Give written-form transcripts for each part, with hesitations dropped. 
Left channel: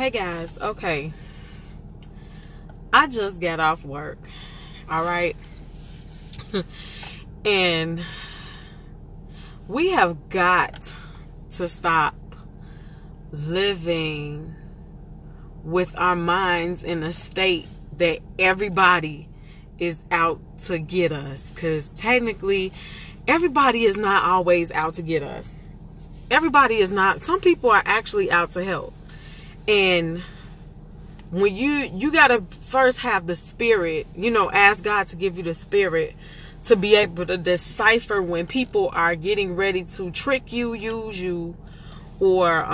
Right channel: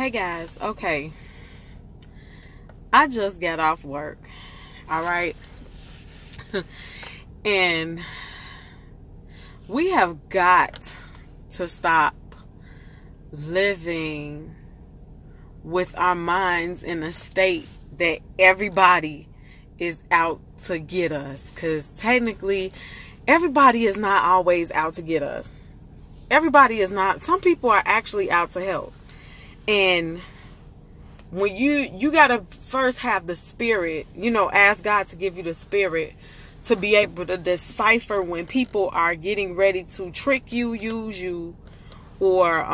Hey guys, okay. I just got off work. All right. And we have got to stop living with our minds in a state that everybody is out to get us. Because technically, everybody is not always out to get us. Everybody is not. Some people are actually out to help. And when you got to first have the spirit, ask God to give you the spirit to be able to decipher when people are getting ready to trick you, use you, or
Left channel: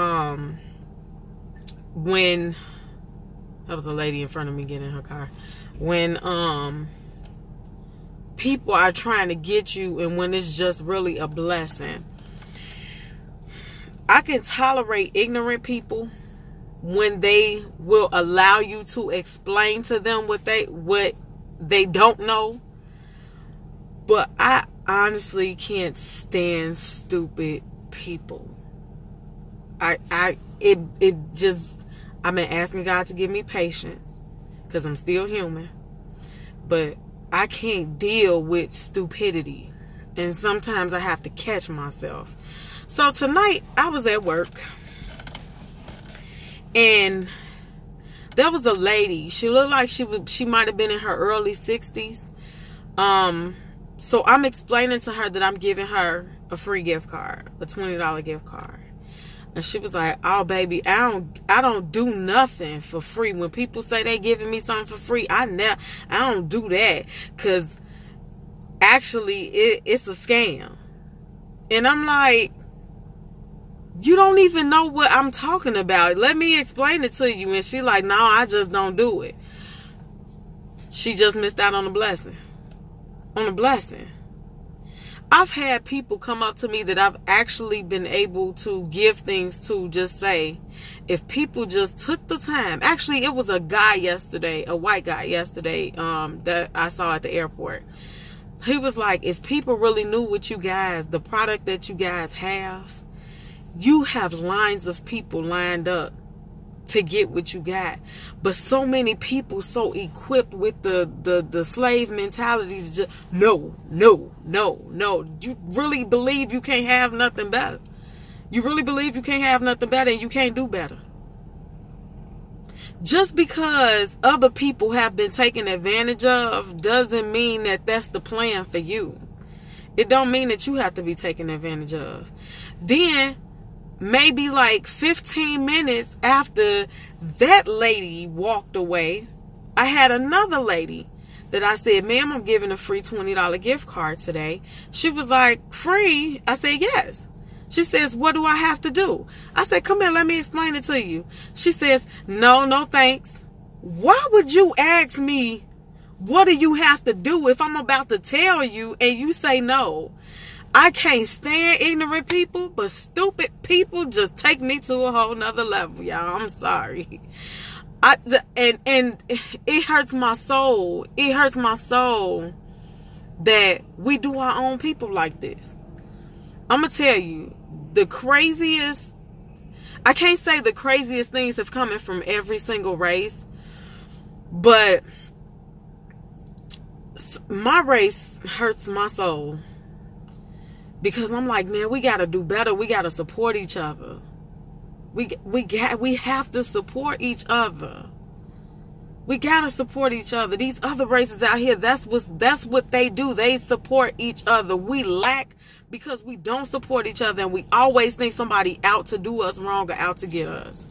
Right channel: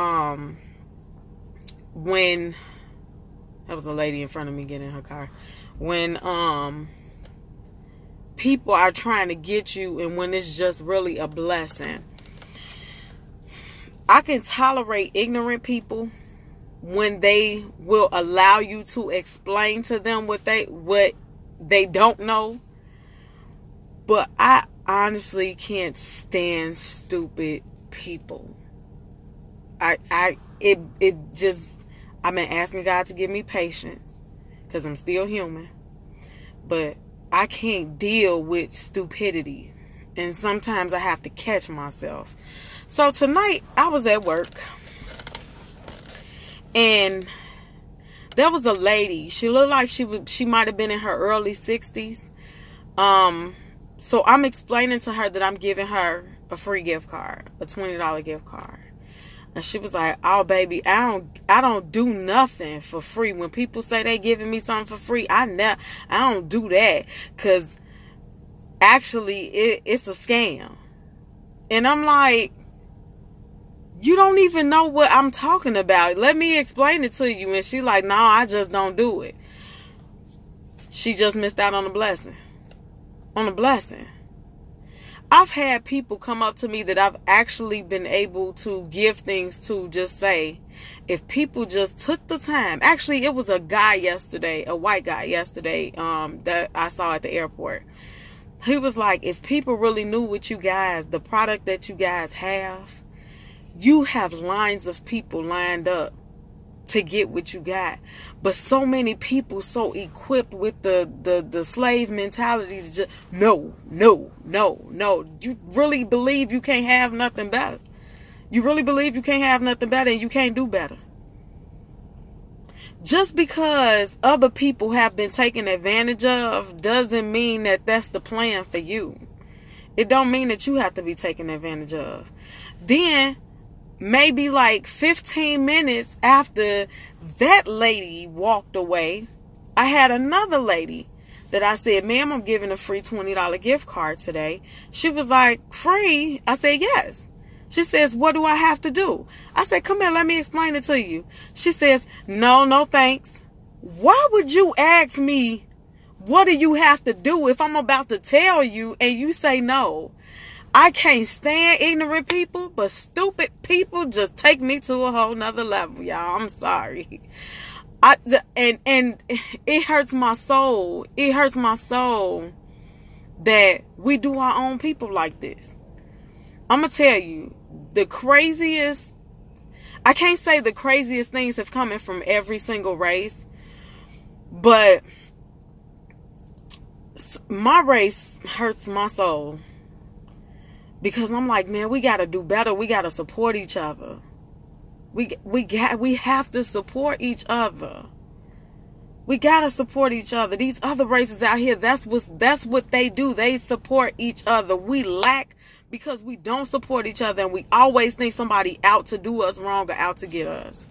when that was a lady in front of me getting in her car. When people are trying to get you and when it's just really a blessing. I can tolerate ignorant people when they will allow you to explain to them what they don't know. But I honestly can't stand stupid people. I've been asking God to give me patience because I'm still human. But I can't deal with stupidity. And sometimes I have to catch myself. So tonight I was at work. And there was a lady. She looked like she might have been in her early 60s. So I'm explaining to her that I'm giving her a free gift card, a $20 gift card. And she was like, "Oh, baby, I don't do nothing for free. When people say they giving me something for free, I don't do that, cause actually it's a scam." And I'm like, "You don't even know what I'm talking about. Let me explain it to you." And she like, "No, I just don't do it." She just missed out on a blessing. On a blessing. I've had people come up to me that I've actually been able to give things to, just say, if people just took the time. Actually, it was a guy yesterday, a white guy yesterday, that I saw at the airport. He was like, if people really knew what you guys, the product that you guys have, you have lines of people lined up to get what you got. But so many people so equipped with the slave mentality to just, no. You really believe you can't have nothing better. You really believe you can't have nothing better and you can't do better. Just because other people have been taken advantage of doesn't mean that that's the plan for you. It don't mean that you have to be taken advantage of. Then maybe like 15 minutes after that lady walked away, I had another lady that I said, "Ma'am, I'm giving a free $20 gift card today." She was like, "Free?" I said, "Yes." She says, "What do I have to do?" I said, "Come here, let me explain it to you." She says, No, thanks." Why would you ask me, what do you have to do, if I'm about to tell you and you say no? I can't stand ignorant people, but stupid people just take me to a whole nother level, y'all. I'm sorry. And it hurts my soul. It hurts my soul that we do our own people like this. I'm going to tell you, the craziest, I can't say the craziest things have come from every single race, but my race hurts my soul. Because I'm like, man, we got to do better. We got to support each other. We have to support each other. We got to support each other. These other races out here, that's what they do. They support each other. We lack because we don't support each other, and we always think somebody out to do us wrong or out to get us.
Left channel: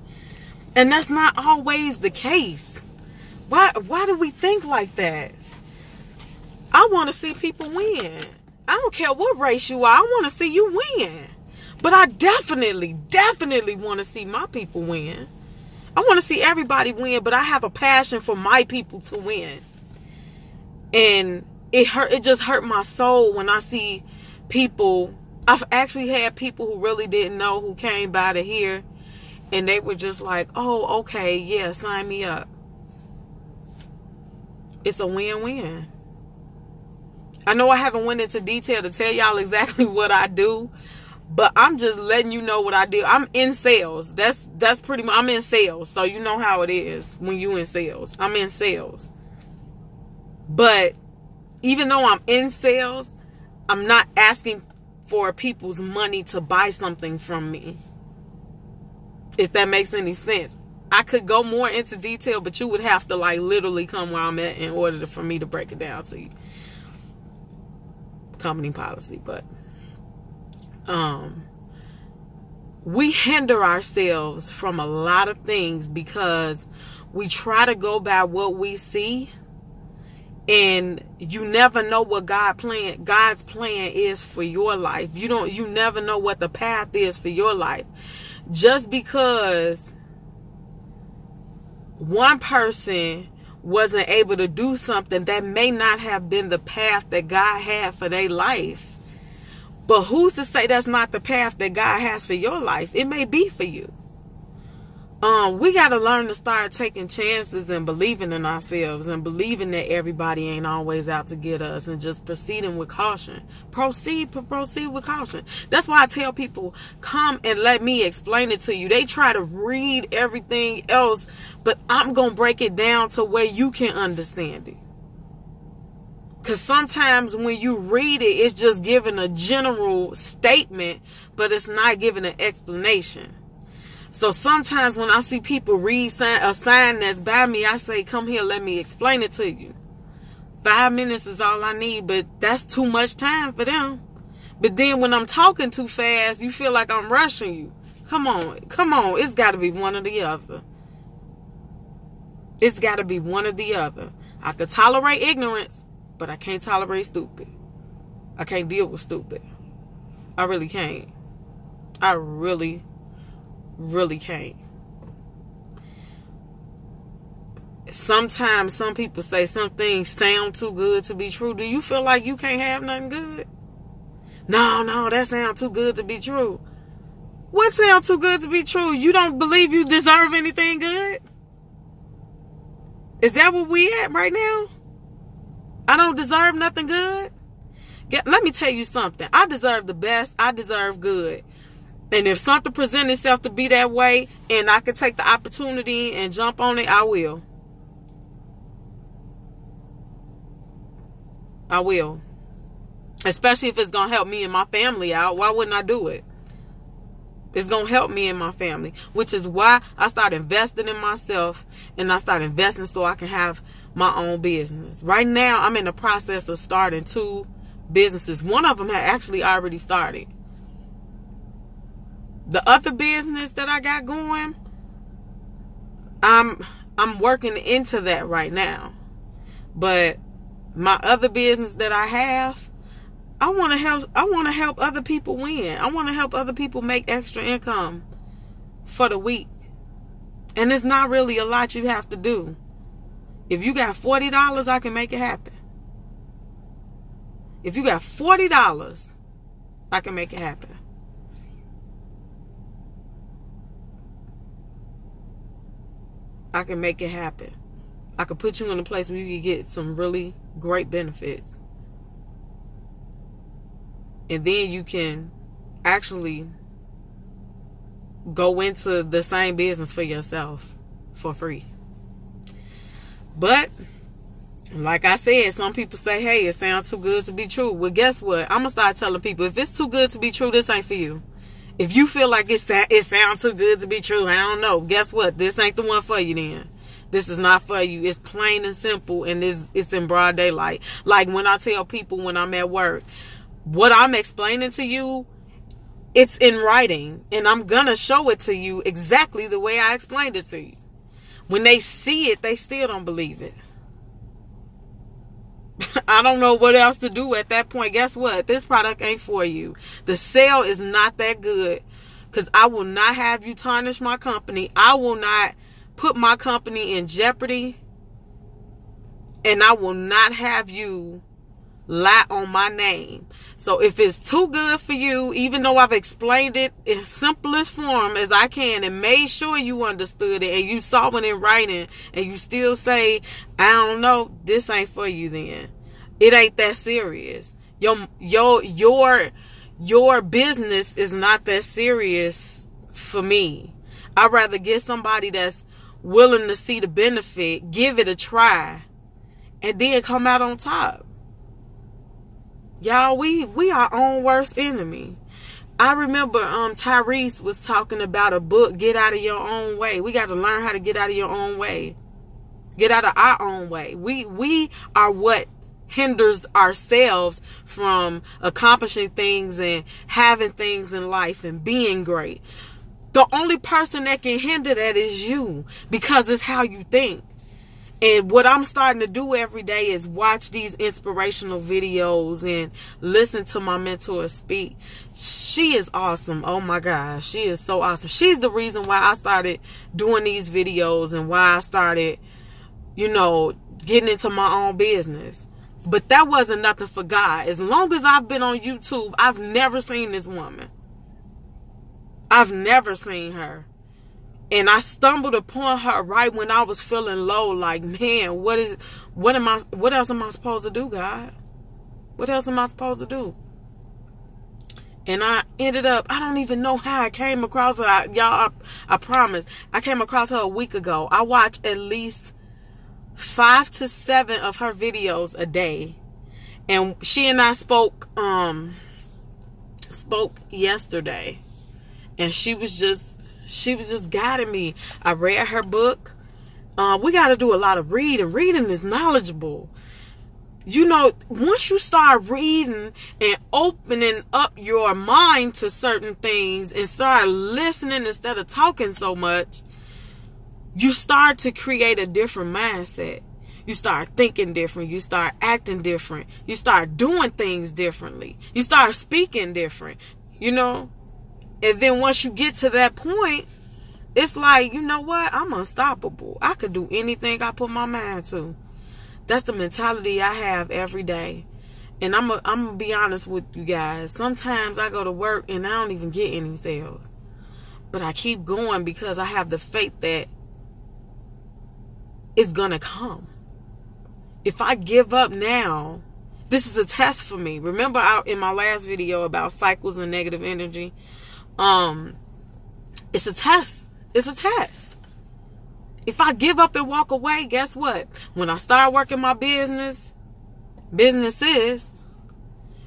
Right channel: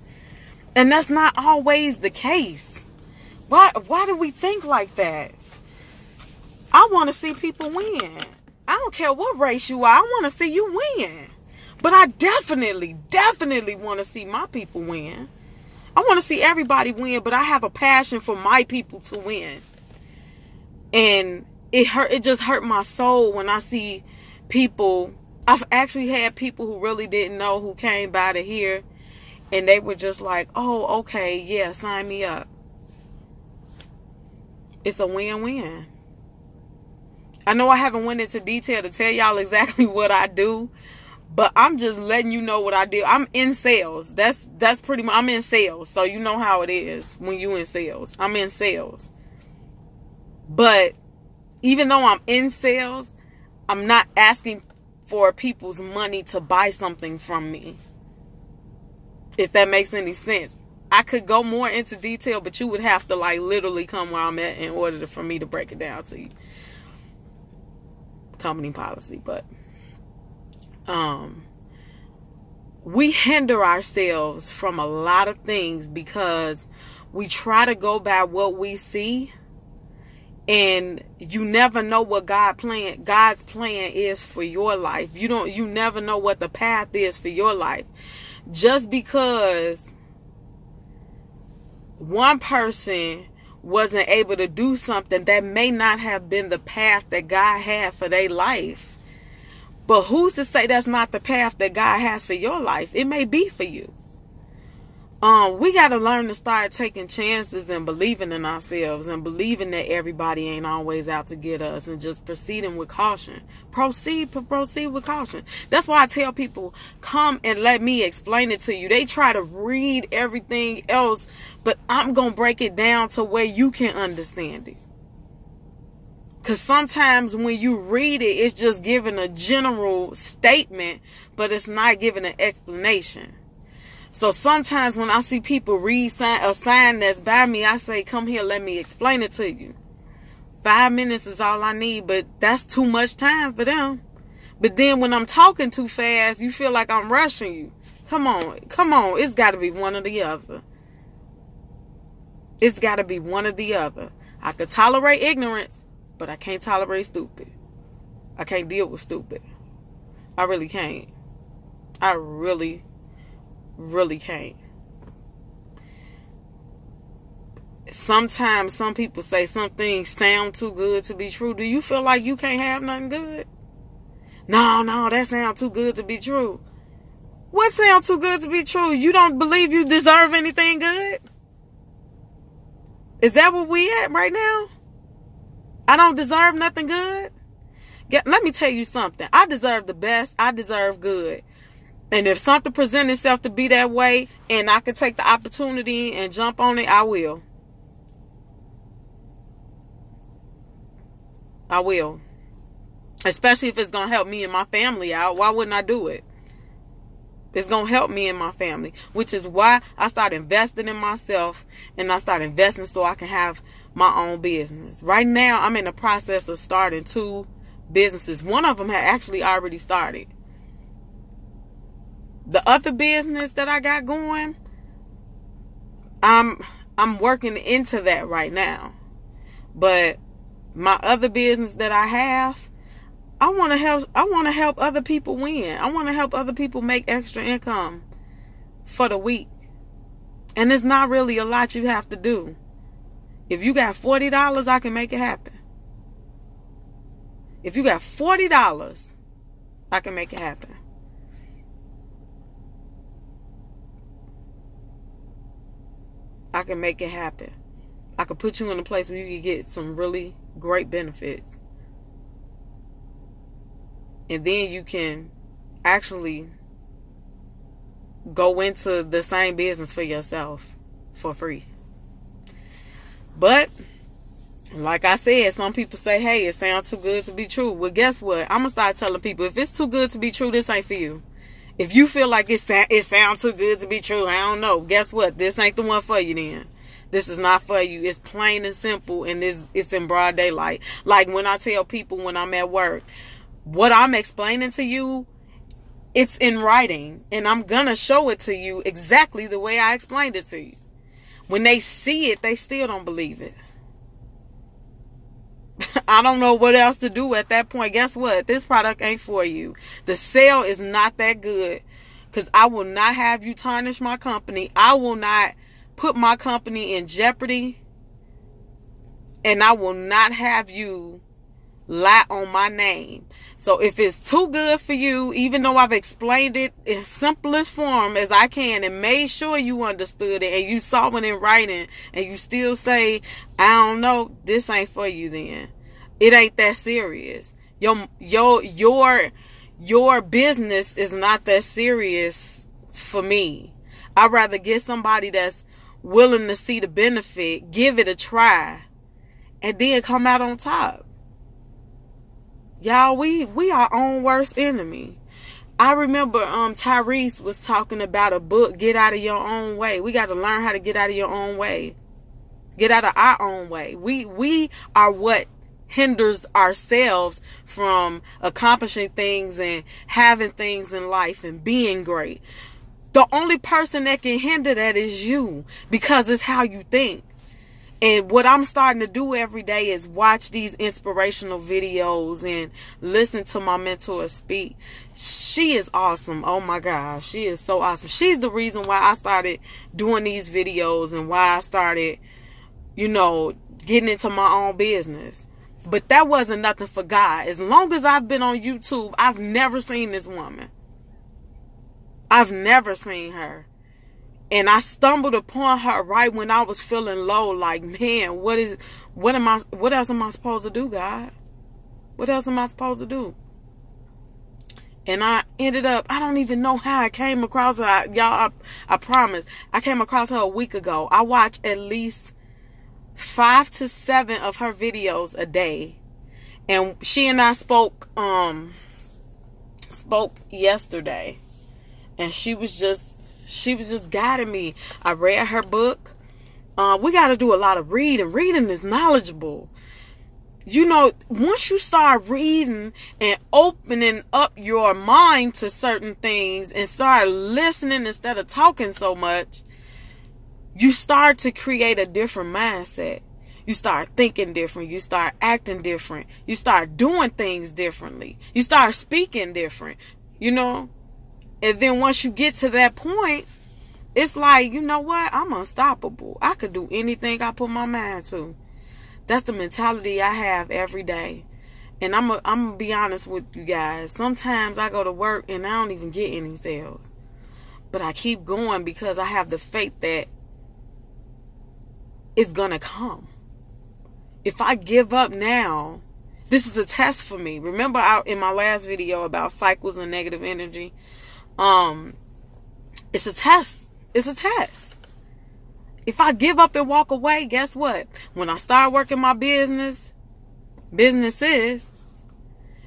And that's not always the case. Why do we think like that? I want to see people win. I don't care what race you are. I want to see you win. But I definitely want to see my people win. I want to see everybody win, but I have a passion for my people to win. And it just hurt my soul when I see people. I've actually had people who really didn't know who came by to hear, and they were just like, "Oh, okay, yeah, sign me up." It's a win-win. I know I haven't went into detail to tell y'all exactly what I do, But I'm just letting you know what I do. I'm in sales. That's pretty much, I'm in sales. So you know how it is when you in sales. I'm in sales. But even though I'm in sales, I'm not asking for people's money to buy something from me. If that makes any sense. I could go more into detail, but you would have to like literally come where I'm at in order for me to break it down to you. Company policy, but we hinder ourselves from a lot of things because we try to go by what we see, and you never know what God's plan is for your life. You never know what the path is for your life. Just because one person wasn't able to do something, that may not have been the path that God had for their life. But who's to say that's not the path that God has for your life? It may be for you. We got to learn to start taking chances and believing in ourselves and believing that everybody ain't always out to get us, and just proceeding with caution. Proceed with caution. That's why I tell people, come and let me explain it to you. They try to read everything else, but I'm going to break it down to where you can understand it. Because sometimes when you read it, it's just giving a general statement, but it's not giving an explanation. So sometimes when I see people read a sign that's by me, I say, come here, let me explain it to you. 5 minutes is all I need, but that's too much time for them. But then when I'm talking too fast, you feel like I'm rushing you. Come on. It's got to be one or the other. It's got to be one or the other. I could tolerate ignorance, but I can't tolerate stupid. I can't deal with stupid. I really can't. I really can't. Sometimes some people say some things sound too good to be true. Do you feel like you can't have nothing good? No, that sounds too good to be true. What sounds too good to be true? You don't believe you deserve anything good? Is that what we at right now? I don't deserve nothing good? Let me tell you something. I deserve the best. I deserve good. And if something presents itself to be that way, and I can take the opportunity and jump on it, I will. I will. Especially if it's going to help me and my family out. Why wouldn't I do it? It's going to help me and my family. Which is why I started investing in myself. And I started investing so I can have my own business. Right now, I'm in the process of starting 2 businesses. One of them had actually already started. The other business that I got going, I'm working into that right now. But my other business that I have, I want to help other people win. I want to help other people make extra income for the week. And it's not really a lot you have to do. If you got $40, I can make it happen. If you got $40, I can make it happen. I can make it happen. I can put you in a place where you can get some really great benefits. And then you can actually go into the same business for yourself for free. But, like I said, some people say, hey, it sounds too good to be true. Well, guess what? I'm going to start telling people, if it's too good to be true, this ain't for you. If you feel like it sounds too good to be true, I don't know. Guess what? This ain't the one for you then. This is not for you. It's plain and simple, and it's in broad daylight. Like when I tell people when I'm at work, what I'm explaining to you, it's in writing. And I'm going to show it to you exactly the way I explained it to you. When they see it, they still don't believe it. I don't know what else to do at that point. Guess what? This product ain't for you. The sale is not that good, because I will not have you tarnish my company. I will not put my company in jeopardy. And I will not have you lie on my name. So if it's too good for you, even though I've explained it in simplest form as I can and made sure you understood it and you saw it in writing, and you still say, I don't know, this ain't for you then. It ain't that serious. Your your business is not that serious for me. I'd rather get somebody that's willing to see the benefit, give it a try, and then come out on top. Y'all, we our own worst enemy. I remember Tyrese was talking about a book, Get Out of Your Own Way. We got to learn how to get out of your own way. Get out of our own way. We are what hinders ourselves from accomplishing things and having things in life and being great. The only person that can hinder that is you, because it's how you think. And what I'm starting to do every day is watch these inspirational videos and listen to my mentor speak. She is awesome. Oh my gosh, she is so awesome. She's the reason why I started doing these videos and why I started, you know, getting into my own business. But that wasn't nothing for God. As long as I've been on YouTube, I've never seen this woman. I've never seen her. And I stumbled upon her right when I was feeling low. Like, man, what else am I supposed to do, God? What else am I supposed to do? And I ended up, I don't even know how I came across her. Y'all, I promise. I came across her a week ago. I watch at least 5 to 7 of her videos a day. And she and I spoke yesterday. And she was just guiding me. I read her book. We got to do a lot of reading. Reading is knowledgeable. You know, once you start reading and opening up your mind to certain things and start listening instead of talking so much, you start to create a different mindset. You start thinking different. You start acting different. You start doing things differently. You start speaking different, you know. And then once you get to that point, it's like, you know what? I'm unstoppable. I could do anything I put my mind to. That's the mentality I have every day. And I'm going to be honest with you guys. Sometimes I go to work and I don't even get any sales. But I keep going because I have the faith that it's going to come. If I give up now, this is a test for me. Remember in my last video about cycles and negative energy? It's a test. It's a test. If I give up and walk away, guess what? When I start working my businesses,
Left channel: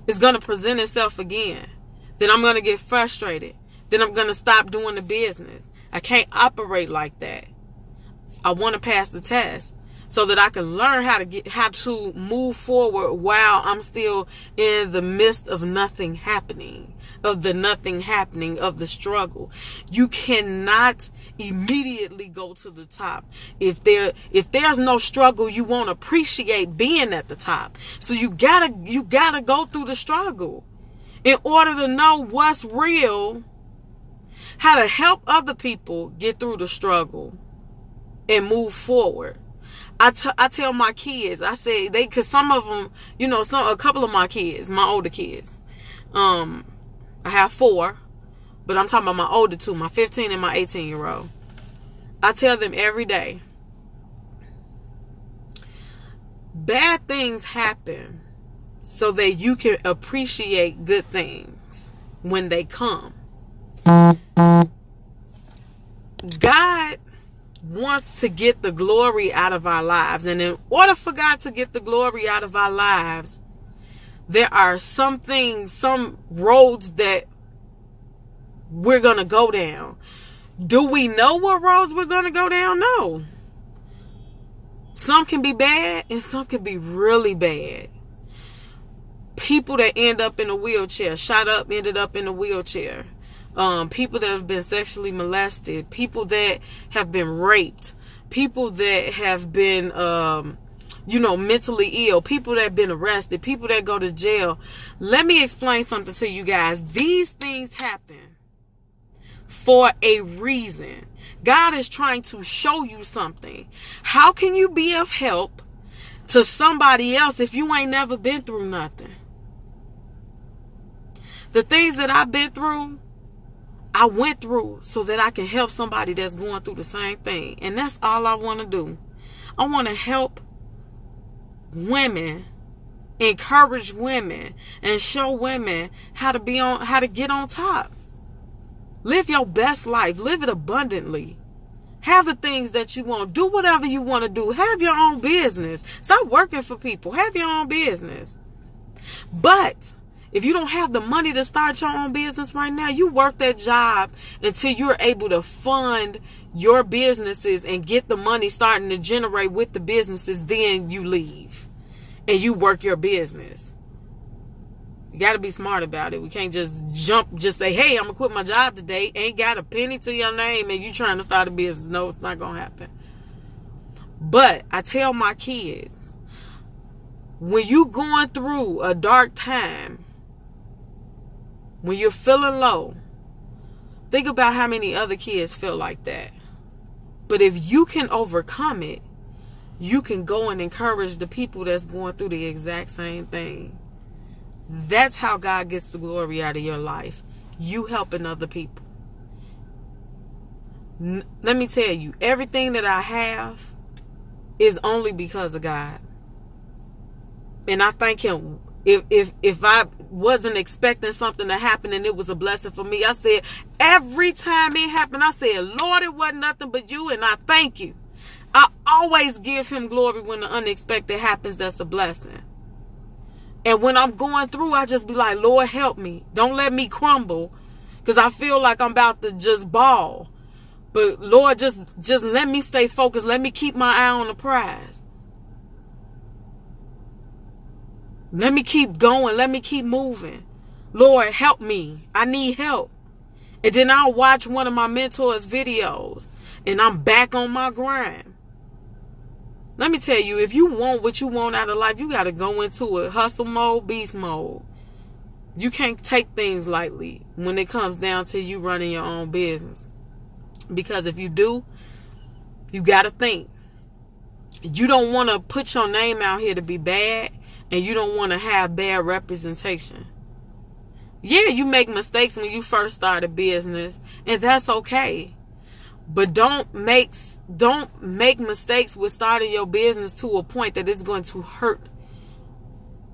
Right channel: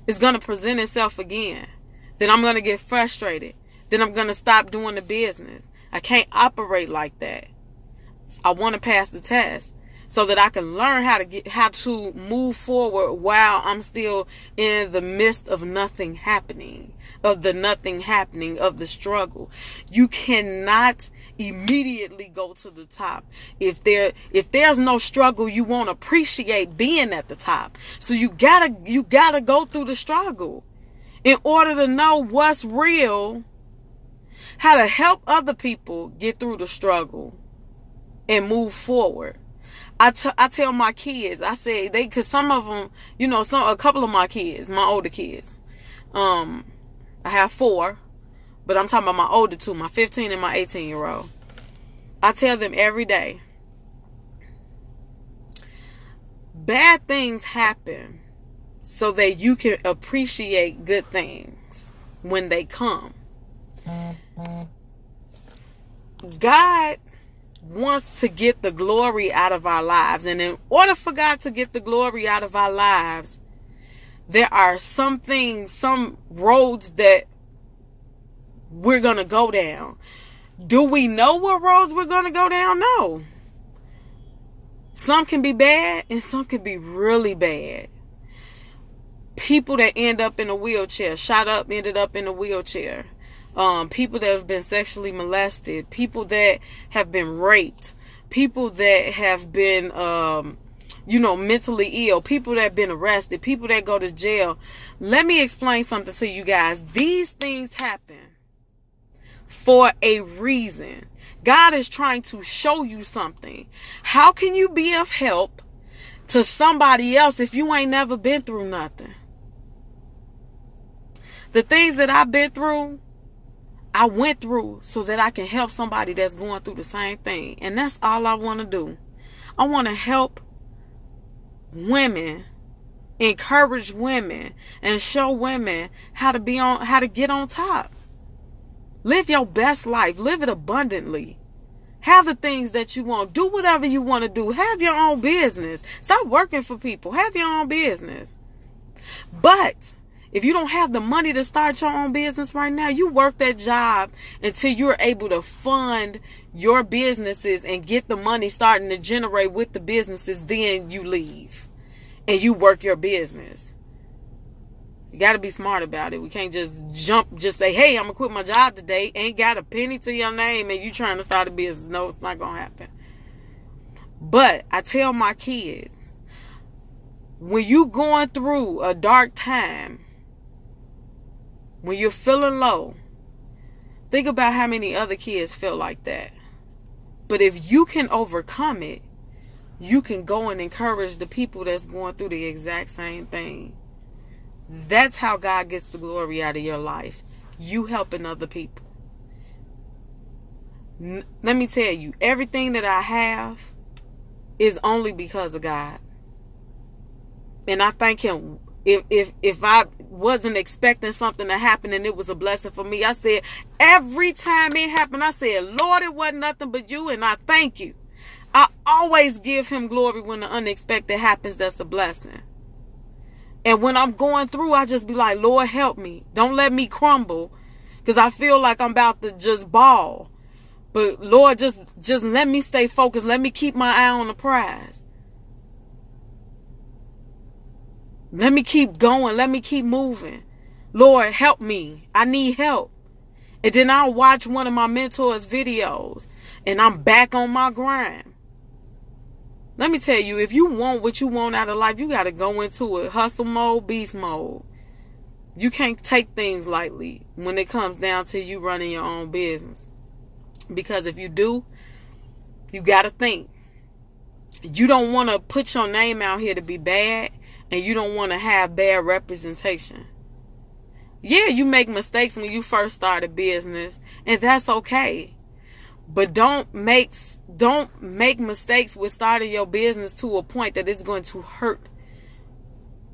it's going to present itself again. Then I'm going to get frustrated. Then I'm going to stop doing the business. I can't operate like that. I want to pass the test so that I can learn how to move forward while I'm still in the midst of nothing happening, of the struggle. You cannot immediately go to the top. If there's no struggle, you won't appreciate being at the top. So you gotta go through the struggle in order to know what's real, how to help other people get through the struggle and move forward. I tell my kids, I say cause some of them, you know, a couple of my kids, my older kids, I have 4, but I'm talking about my older 2, my 15 and my 18-year-old. I tell them every day, bad things happen so that you can appreciate good things when they come. God wants to get the glory out of our lives. And in order for God to get the glory out of our lives, there are some things, some roads that we're going to go down. Do we know what roads we're going to go down? No. Some can be bad and some can be really bad. People that end up in a wheelchair, shot up, ended up in a wheelchair. People that have been sexually molested, people that have been raped, people that have been, mentally ill, people that have been arrested, people that go to jail. Let me explain something to you guys. These things happen for a reason. God is trying to show you something. How can you be of help to somebody else if you ain't never been through nothing? The things that I've been through, I went through so that I can help somebody that's going through the same thing. And that's all I want to do. I want to help women encourage women and show women how to get on top. Live your best life. Live it abundantly. Have the things that you want. Do whatever you want to do. Have your own business. Stop working for people. Have your own business. But if you don't have the money to start your own business right now, you work that job until you're able to fund your businesses and get the money starting to generate with the businesses. Then you leave and you work your business. You got to be smart about it. We can't just say, hey, I'm going to quit my job today. Ain't got a penny to your name and you trying to start a business. No, it's not going to happen. But I tell my kids, when you going through a dark time, when you're feeling low, think about how many other kids feel like that. But if you can overcome it, you can go and encourage the people that's going through the exact same thing. That's how God gets the glory out of your life. You helping other people. Let me tell you, everything that I have is only because of God. And I thank him. If I wasn't expecting something to happen and it was a blessing for me, I said, every time it happened, I said, Lord, it wasn't nothing but you, and I thank you. I always give him glory when the unexpected happens. That's a blessing. And when I'm going through, I just be like, Lord, help me. Don't let me crumble, because I feel like I'm about to just bawl. But Lord, just let me stay focused. Let me keep my eye on the prize. Let me keep going. Let me keep moving. Lord, help me. I need help. And then I'll watch one of my mentors' videos and I'm back on my grind. Let me tell you, if you want what you want out of life, you got to go into it. Hustle mode, beast mode. You can't take things lightly when it comes down to you running your own business. Because if you do, you got to think. You don't want to put your name out here to be bad. And you don't want to have bad representation. Yeah, you make mistakes when you first start a business. And that's okay. But don't make mistakes with starting your business to a point that it's going to hurt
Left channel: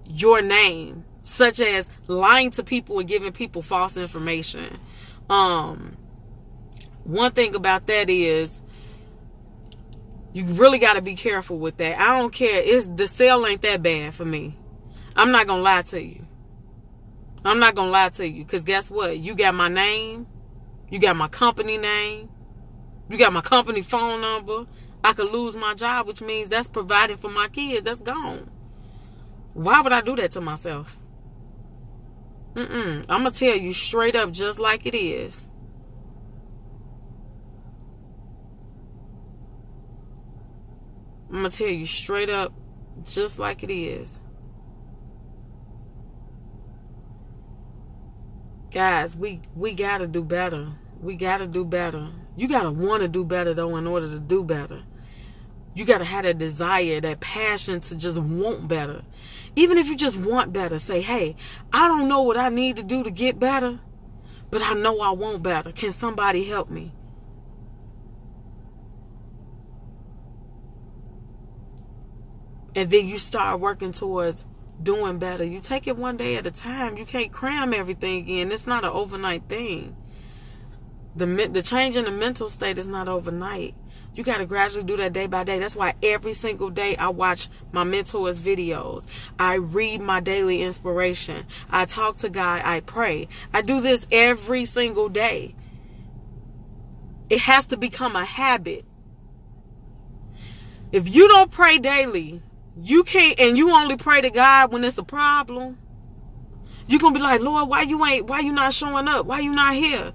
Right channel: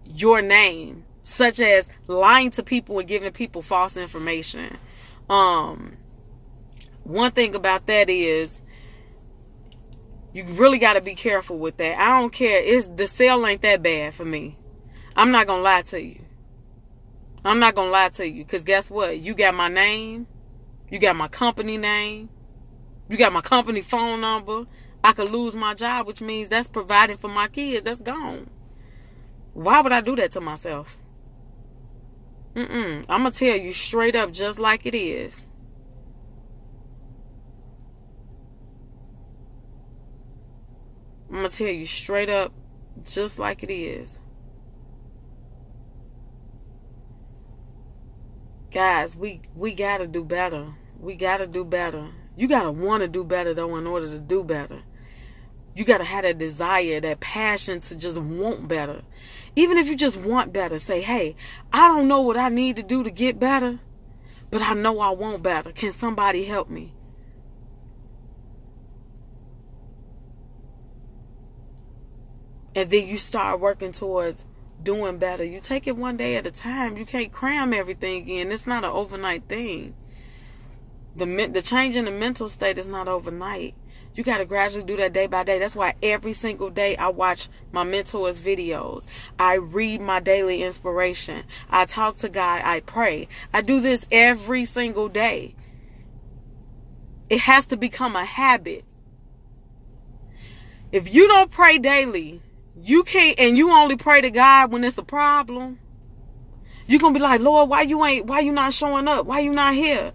your name. Such as lying to people and giving people false information. One thing about that is, you really got to be careful with that. I don't care. The sale ain't that bad for me. I'm not going to lie to you. I'm not going to lie to you. Because guess what? You got my name. You got my company name. You got my company phone number. I could lose my job, which means that's providing for my kids. That's gone. Why would I do that to myself? I'm going to tell you straight up just like it is. I'm going to tell you straight up just like it is. Guys, we got to do better. We got to do better. You got to want to do better, though, in order to do better. You got to have that desire, that passion to just want better. Even if you just want better, say, hey, I don't know what I need to do to get better, but I know I want better. Can somebody help me? And then you start working towards doing better. You take it one day at a time. You can't cram everything in. It's not an overnight thing. The change in the mental state is not overnight. You got to gradually do that day by day. That's why every single day I watch my mentors' videos. I read my daily inspiration. I talk to God. I pray. I do this every single day. It has to become a habit. If you don't pray daily, you can't, and you only pray to God when it's a problem, you're going to be like, Lord, why you not showing up? Why you not here?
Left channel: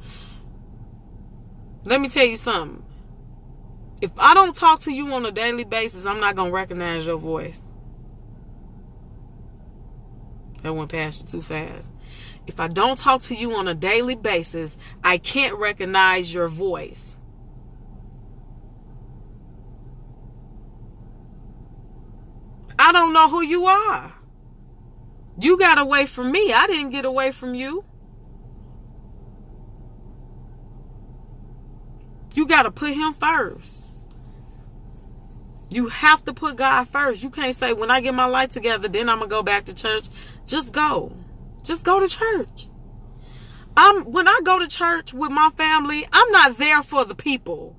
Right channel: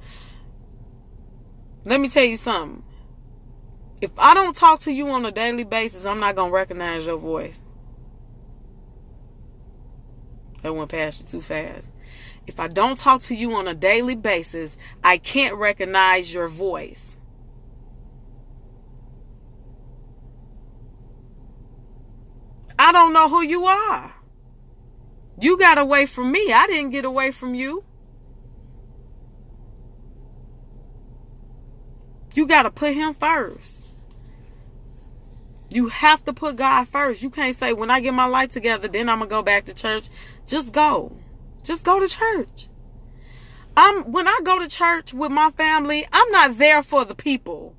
Let me tell you something. If I don't talk to you on a daily basis, I'm not going to recognize your voice. That went past you too fast. If I don't talk to you on a daily basis, I can't recognize your voice. I don't know who you are. You got away from me. I didn't get away from you. You got to put him first. You have to put God first. You can't say, when I get my life together, then I'm going to go back to church. Just go. Just go to church. When I go to church with my family, I'm not there for the people.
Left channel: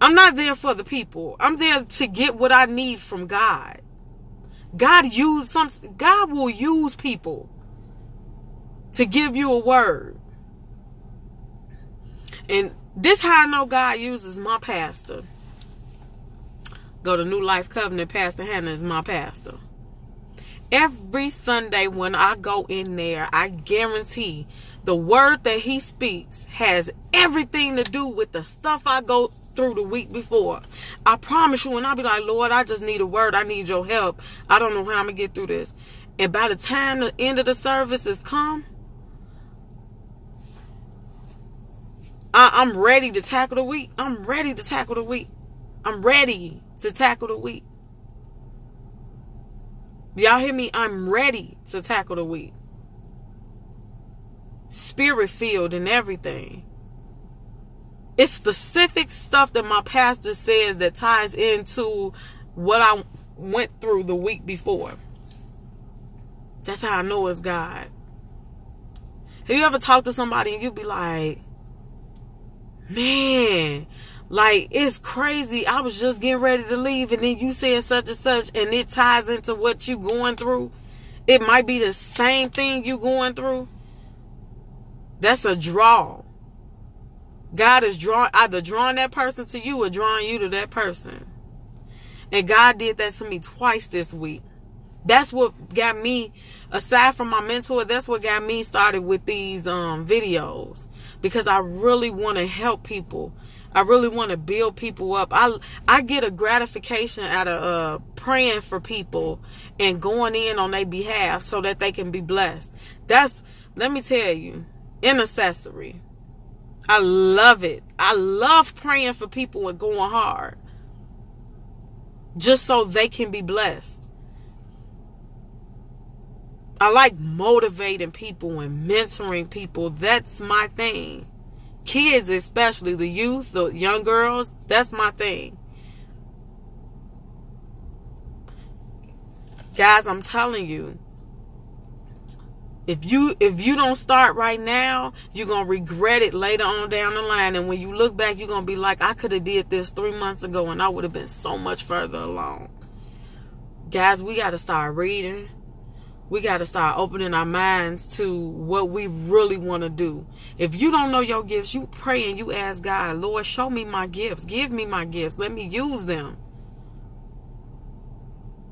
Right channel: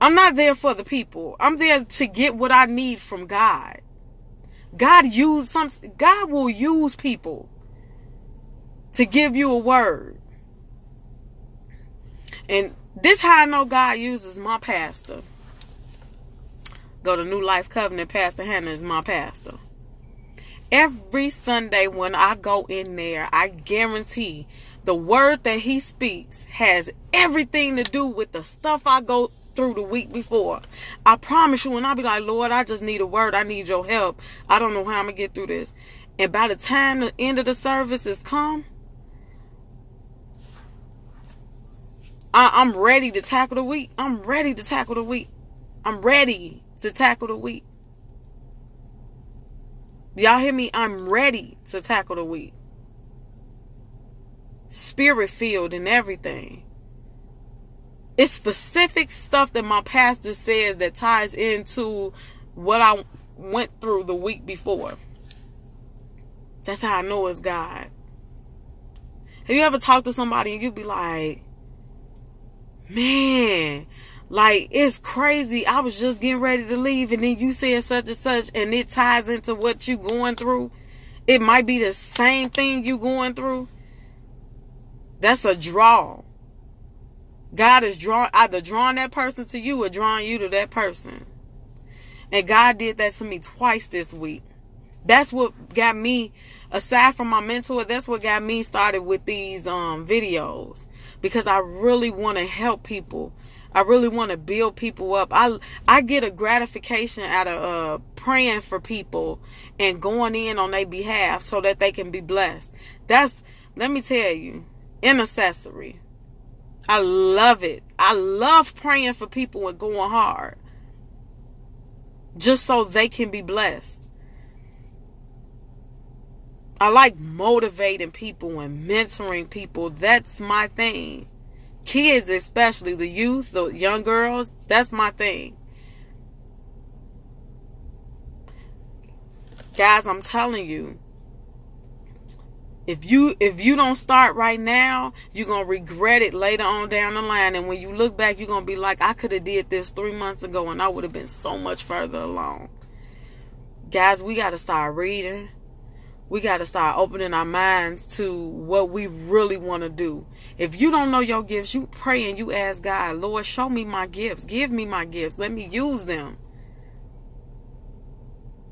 I'm not there for the people. I'm there to get what I need from God. God will use people to give you a word. And this how I know God uses my pastor. Go to New Life Covenant. Pastor Hannah is my pastor. Every Sunday when I go in there, I guarantee the word that he speaks has everything to do with the stuff I go through the week before. I promise you, and I'll be like, Lord, I just need a word. I need your help. I don't know how I'm going to get through this. And by the time the end of the service has come, I'm ready to tackle the week. I'm ready to tackle the week. I'm ready to tackle the week. Y'all hear me? I'm ready to tackle the week. Spirit filled and everything. It's specific stuff that my pastor says that ties into what I went through the week before. That's how I know it's God. Have you ever talked to somebody and you be like, man, like, it's crazy. I was just getting ready to leave and then you said such and such and it ties into what you going through. It might be the same thing you going through. That's a draw. God is either drawing that person to you or drawing you to that person. And God did that to me twice this week. That's what got me, aside from my mentor, that's what got me started with these videos. Because I really want to help people. I really want to build people up. I get a gratification out of praying for people and going in on their behalf so that they can be blessed. Let me tell you, intercessory. I love it. I love praying for people and going hard. Just so they can be blessed. I like motivating people and mentoring people. That's my thing. Kids, especially the youth, the young girls, that's my thing. Guys, I'm telling you, if you don't start right now, you're going to regret it later on down the line. And when you look back, you're going to be like, I could have did this 3 months ago and I would have been so much further along. Guys, we got to start reading. We got to start opening our minds to what we really want to do. If you don't know your gifts, you pray and you ask God, Lord, show me my gifts. Give me my gifts. Let me use them.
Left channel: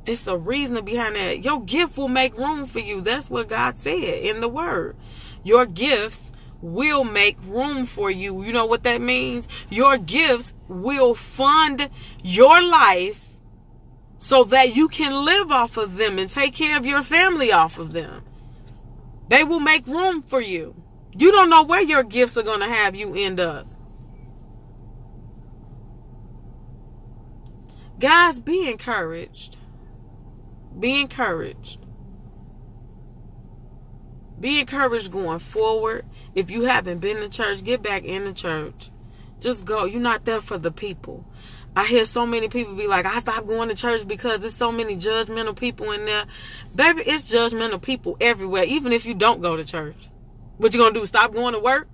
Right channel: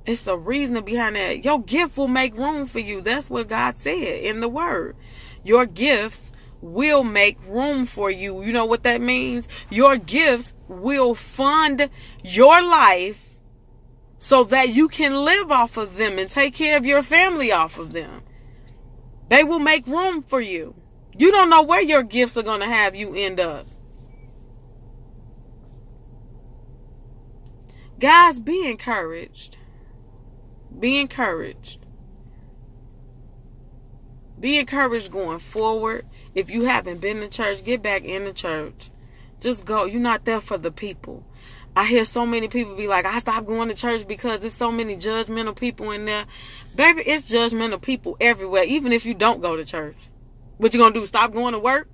It's a reason behind that. Your gift will make room for you. That's what God said in the word. Your gifts will make room for you. You know what that means? Your gifts will fund your life so that you can live off of them and take care of your family off of them. They will make room for you. You don't know where your gifts are going to have you end up. Guys, be encouraged. Be encouraged. Be encouraged going forward. If you haven't been to church, get back in the church. Just go. You're not there for the people. I hear so many people be like, I stopped going to church because there's so many judgmental people in there. Baby, it's judgmental people everywhere, even if you don't go to church. What you going to do, stop going to work?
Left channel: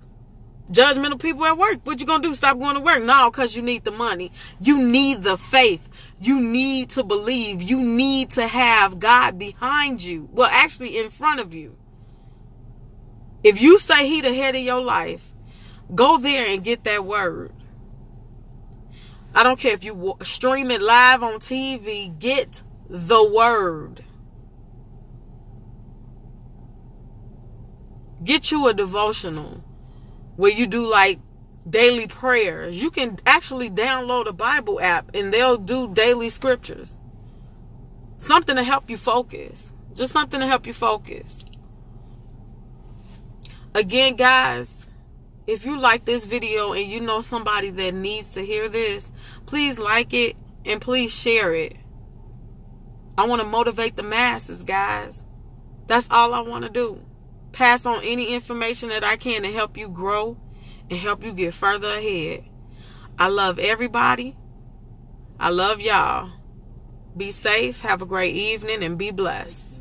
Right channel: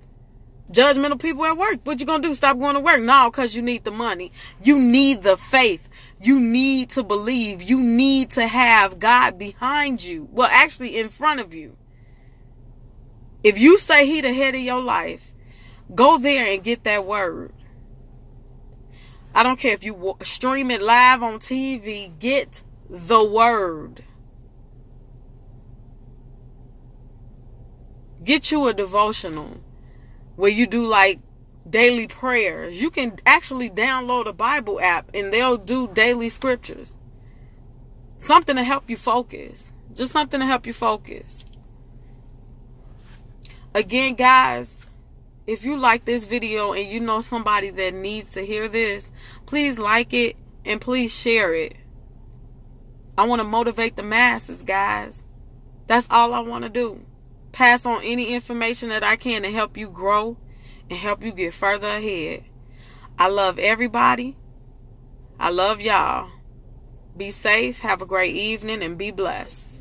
Judgmental people at work. What you going to do, stop going to work? No, because you need the money. You need the faith. You need to believe. You need to have God behind you. Well, actually in front of you. If you say he the head of your life, go there and get that word. I don't care if you stream it live on TV. Get the word. Get you a devotional where you do like daily prayers. You can actually download a Bible app and they'll do daily scriptures. Something to help you focus. Just something to help you focus. Again, guys, if you like this video and you know somebody that needs to hear this, please like it and please share it. I want to motivate the masses, guys. That's all I want to do. Pass on any information that I can to help you grow and help you get further ahead. I love everybody. I love y'all. Be safe. Have a great evening and be blessed.